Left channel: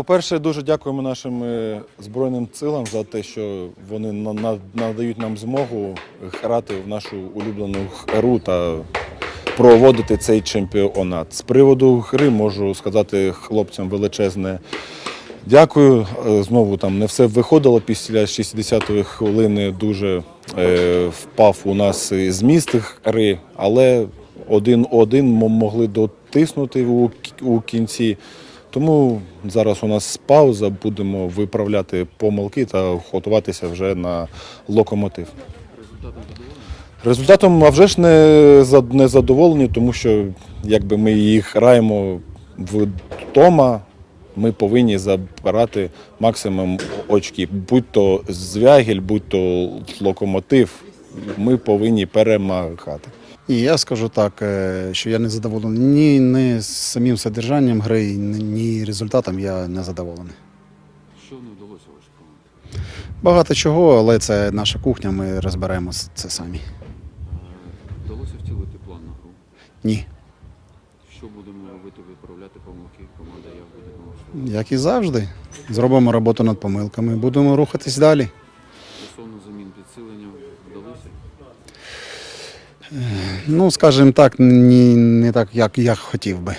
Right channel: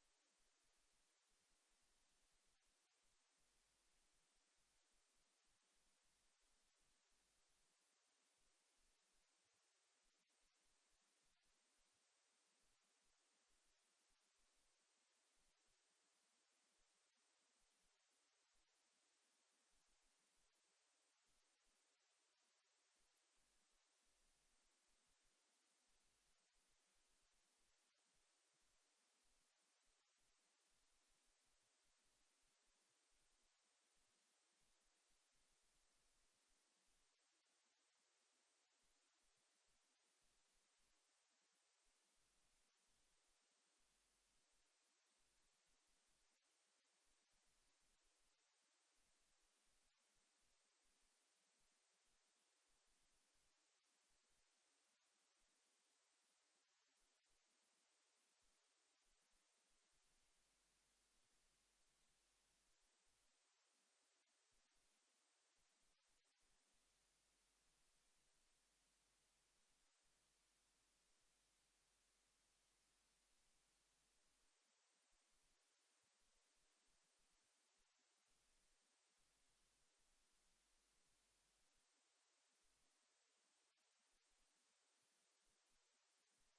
По-перше, дуже дякуємо нашим е, Збройним силам за те, що вони на- на- надають нам змогу грати в нашу улюблену гру та проводити цей чемпіонат. З приводу гри можу сказати хлопцям величезне дякую. Е, Знову там не все виходило після 60-ї хвилини. Дуже е, впав у нас зміст гри, але один-один мо- могли дотиснути у, у кінці. Тому зараз у нас пауза, будемо виправляти помилки та готуватися вже на локомотив. Результатом, а вже ж не, задоволені, тому що якби ми їх граємо вдома, ми повинні забирати максимум очків. Будь то звягіль, будь то локомотив, ми повинні перемагати. І я скажу так, е, що я не задоволений ні, ні самим содержанням гри, ні- результатом я не задоволений. Що не вдалося вашій команді? Багато чого, але це наша кухня, ми розберемо це самі. Е, Вдалося втілити план на гру. Ні. Що будемо робити, виправляти помилки? Команда як буде? Як і завжди. Зробимо роботу над помилками, будемо рухатись далі. Ну, скажімо так, не, не так, як я хотів би.